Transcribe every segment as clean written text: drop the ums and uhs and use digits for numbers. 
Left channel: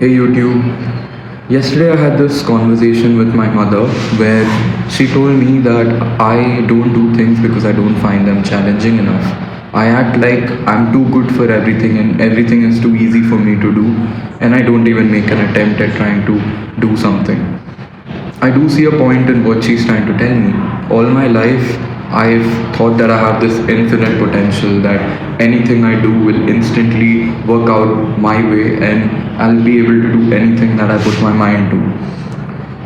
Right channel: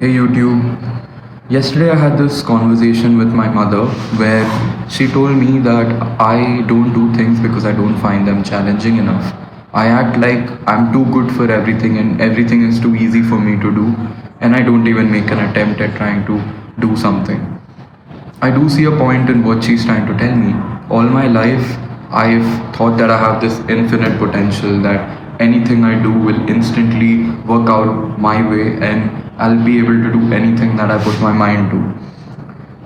Hey YouTube. Yesterday I had this conversation with my mother where she told me that I don't do things because I don't find them challenging enough. I act like I'm too good for everything and everything is too easy for me to do, and I don't even make an attempt at trying to do something. I do see a point in what she's trying to tell me. All my life, I've thought that I have this infinite potential, that anything I do will instantly work out my way and I'll be able to do anything that I put my mind to.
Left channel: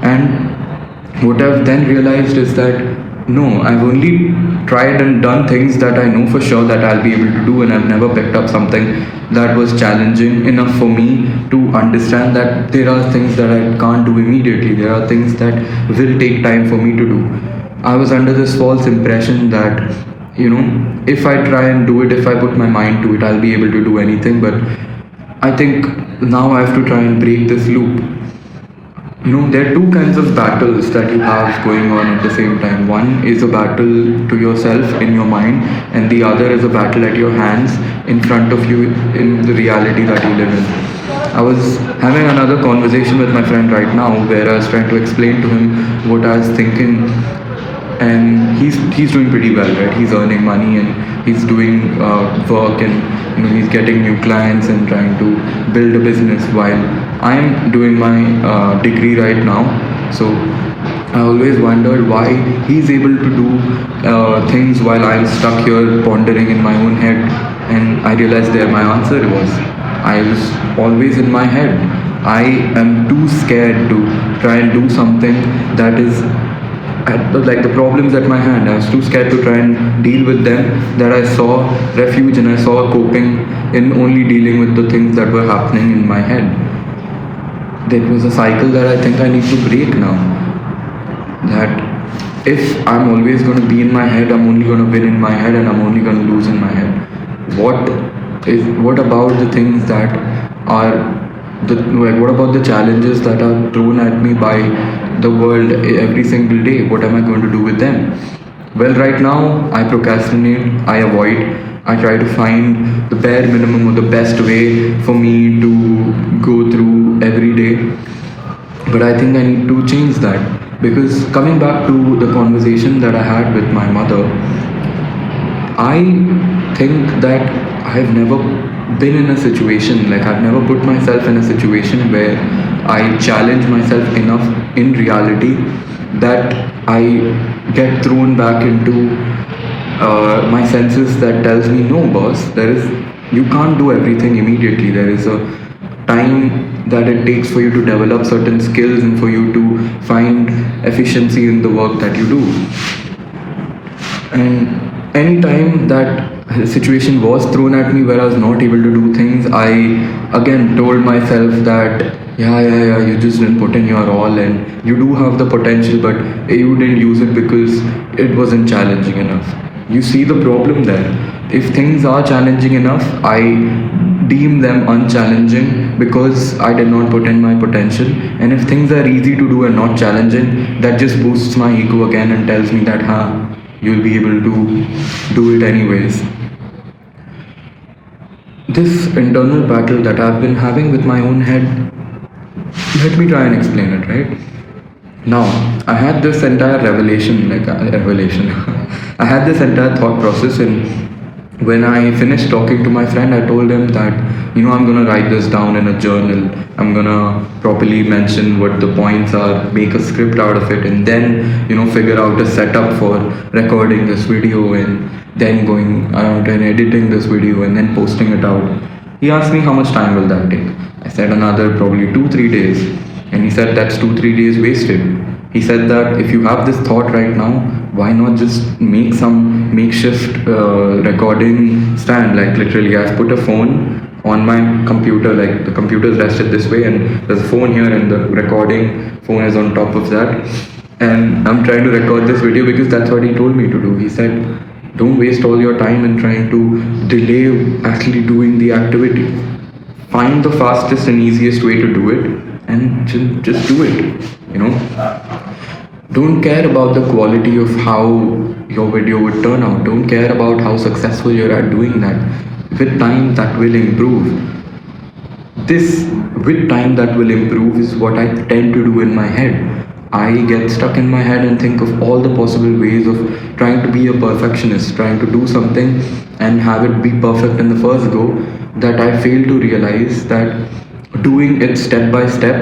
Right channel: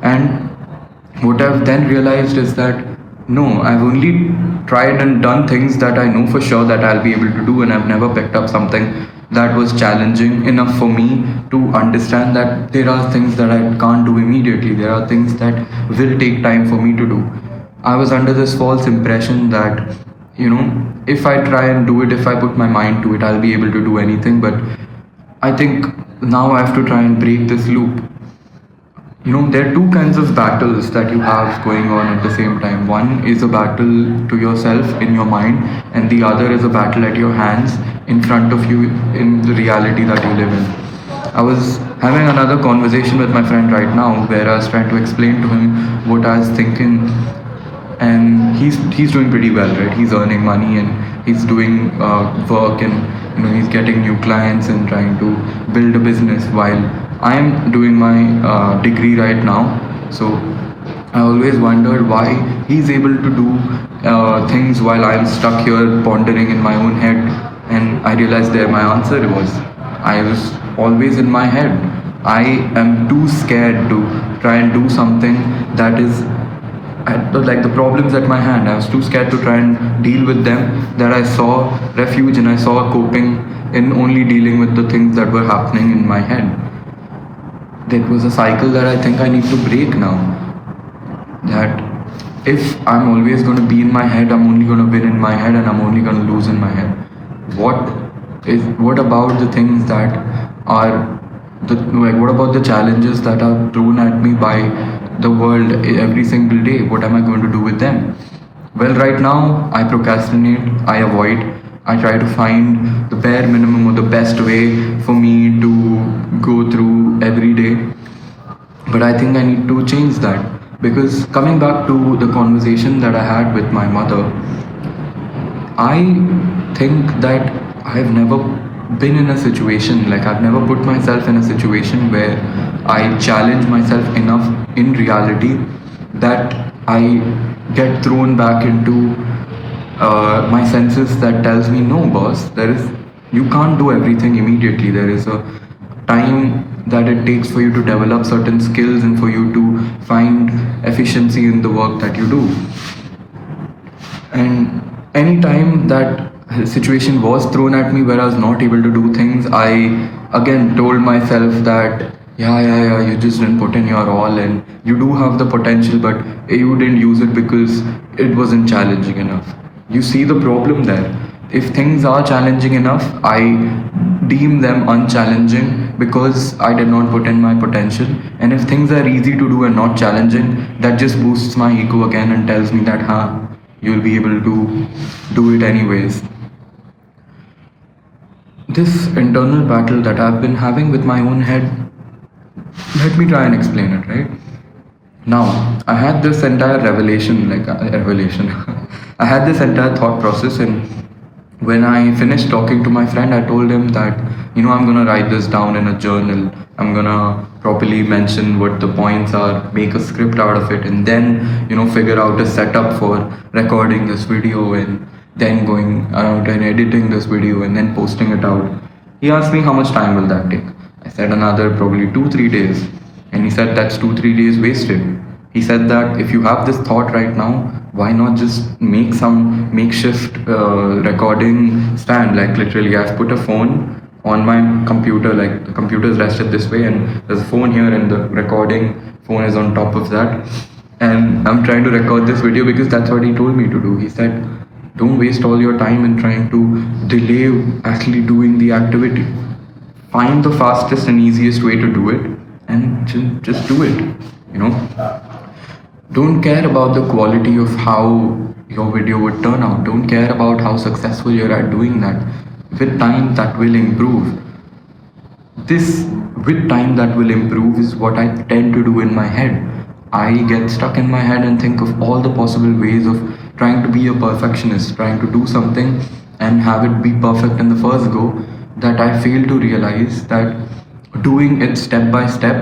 And what I've then realized is that no, I've only tried and done things that I know for sure that I'll be able to do, and I've never picked up something that was challenging enough for me to understand that there are things that I can't do immediately. There are things that will take time for me to do. I was under this false impression that, if I try and do it, if I put my mind to it, I'll be able to do anything. But I think now I have to try and break this loop. There are two kinds of battles that you have going on at the same time. One is a battle to yourself in your mind, and the other is a battle at your hands in front of you in the reality that you live in. I was having another conversation with my friend right now where I was trying to explain to him what I was thinking, and he's doing pretty well, right? He's earning money and he's doing work, and he's getting new clients and trying to build a business while I'm doing my degree right now. So I always wondered why he's able to do things while I'm stuck here pondering in my own head. And I realized there my answer was I was always in my head. I am too scared to try and do something that is like the problems at my hand. I was too scared to try and deal with them, that I saw refuge and I saw coping in only dealing with the things that were happening in my head. That was a cycle that I think I need to break now. That if I'm always going to be in my head, I'm only going to win in my head and I'm only going to lose in my head. What about the things that are what about the challenges that are thrown at me by the world every single day? What am I going to do with them? Well, right now I procrastinate, I avoid, I try to find the bare minimum or the best way for me to go through every day. But I think I need to change that, because coming back to the conversation that I had with my mother, I think that I've never been in a situation, like I've never put myself in a situation where I challenge myself enough in reality that I get thrown back into my senses that tells me, no boss, you can't do everything immediately. There is a time that it takes for you to develop certain skills and for you to find efficiency in the work that you do. And any time that a situation was thrown at me where I was not able to do things, I again told myself that yeah, you just didn't put in your all and you do have the potential, but you didn't use it because it wasn't challenging enough. You see the problem there. If things are challenging enough, I deem them unchallenging because I did not put in my potential. And if things are easy to do and not challenging, that just boosts my ego again and tells me that, you'll be able to do it anyways. This internal battle that I've been having with my own head, let me try and explain it, right? Now, I had this entire revelation. I had this entire thought process, and when I finished talking to my friend, I told him that, I'm gonna write this down in a journal. I'm gonna properly mention what the points are, make a script out of it, and then, figure out a setup for recording this video and then going out and editing this video and then posting it out. He asked me how much time will that take. I said another probably 2-3 days. And he said that's 2-3 days wasted. He said that if you have this thought right now, why not just make some makeshift recording stand? Like literally, I've put a phone on my computer, like the computer is rested this way, and there's a phone here, and the recording phone is on top of that. And I'm trying to record this video because that's what he told me to do. He said, don't waste all your time in trying to delay actually doing the activity. Find the fastest and easiest way to do it and just do it. Don't care about the quality of how your video would turn out. Don't care about how successful you're at doing that. With time, that will improve. this with time that will improve is what I tend to do in my head. I get stuck in my head and think of all the possible ways of trying to be a perfectionist, trying to do something and have it be perfect in the first go, that I fail to realize that doing it step by step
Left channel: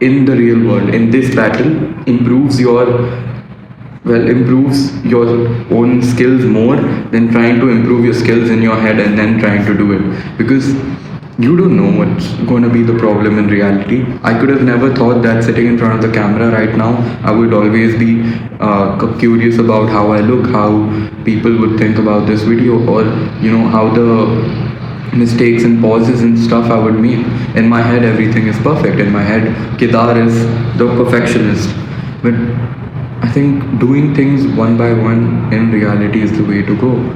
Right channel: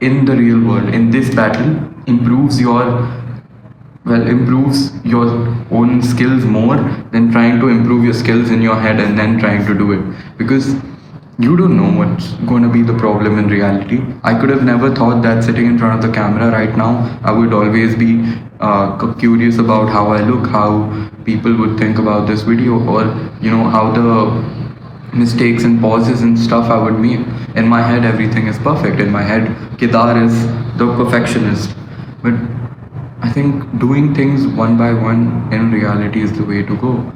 in the real world, in this battle, improves your improves your own skills more than trying to improve your skills in your head and then trying to do it, because you don't know what's going to be the problem in reality. I could have never thought that sitting in front of the camera right now I would always be curious about how I look, how people would think about this video, or how the mistakes and pauses and stuff I would make. In my head everything is perfect. In my head Kedar is the perfectionist. But I think doing things one by one in reality is the way to go.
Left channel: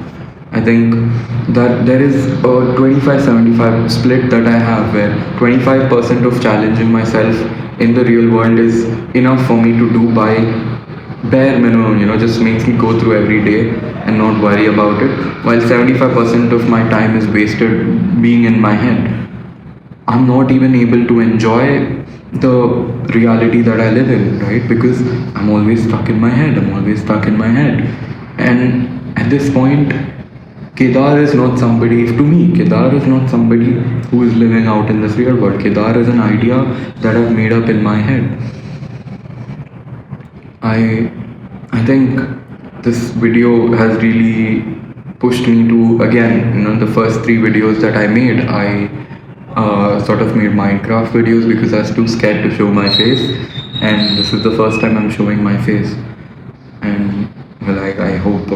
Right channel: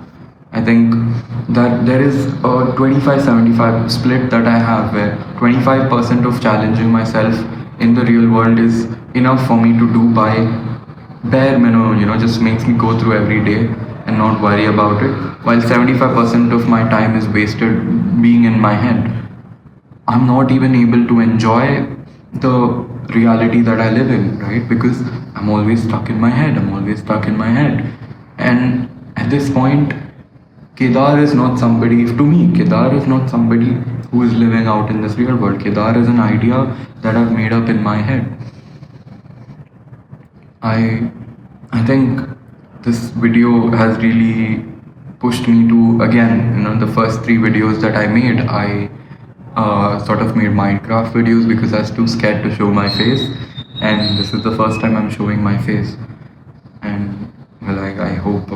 I think that there is a 25-75 split that I have, where 25% of challenging myself in the real world is enough for me to do by bare minimum, just makes me go through every day and not worry about it, while 75% of my time is wasted being in my head. I'm not even able to enjoy the reality that I live in, right? Because I'm always stuck in my head. I'm always stuck in my head. And at this point, Kedar is not somebody, to me, Kedar is not somebody who is living out in this real world. Kedar is an idea that I've made up in my head. I think this video has really pushed me to, again, the first 3 videos that I made, I sort of made Minecraft videos because I was too scared to show my face, and this is the first time I'm showing my face. And well, I hope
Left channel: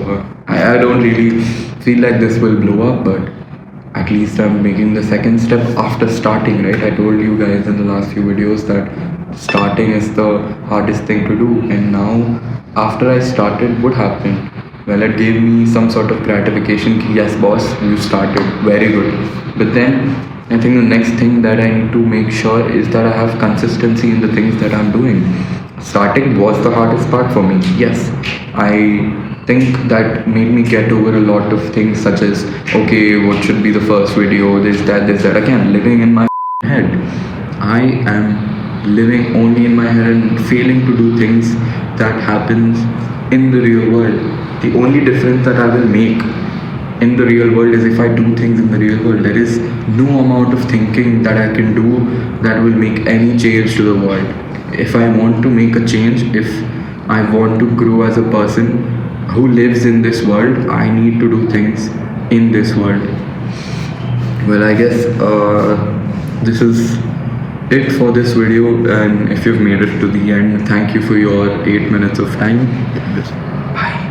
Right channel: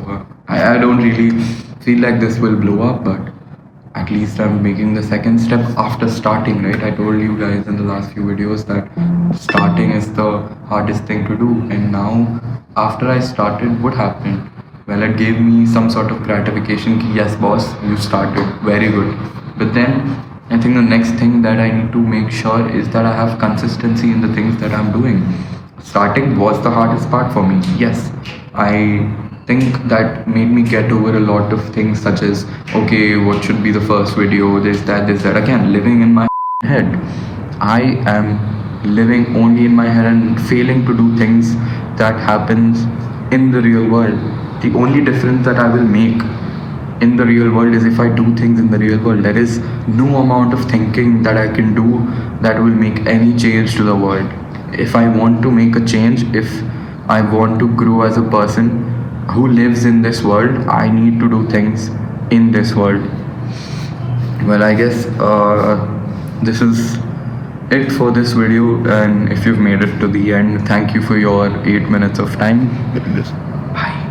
I don't really feel like this will blow up, but at least I'm making the second step after starting, right? I told you guys in the last few videos that starting is the hardest thing to do, and now after I started, what happened? Well, it gave me some sort of gratification ki, yes boss, you started, very good. But then I think the next thing that I need to make sure is that I have consistency in the things that I'm doing. Starting was the hardest part for me, yes. I think that made me get over a lot of things, such as, okay, what should be the first video, this, that. Again, living in my head. I am living only in my head and failing to do things that happens in the real world. The only difference that I will make in the real world is if I do things in the real world. There is no amount of thinking that I can do that will make any change to the world. If I want to make a change, if I want to grow as a person who lives in this world, I need to do things in this world. Well, I guess this is it for this video, and if you've made it to the end, thank you for your 8 minutes of time. Bye.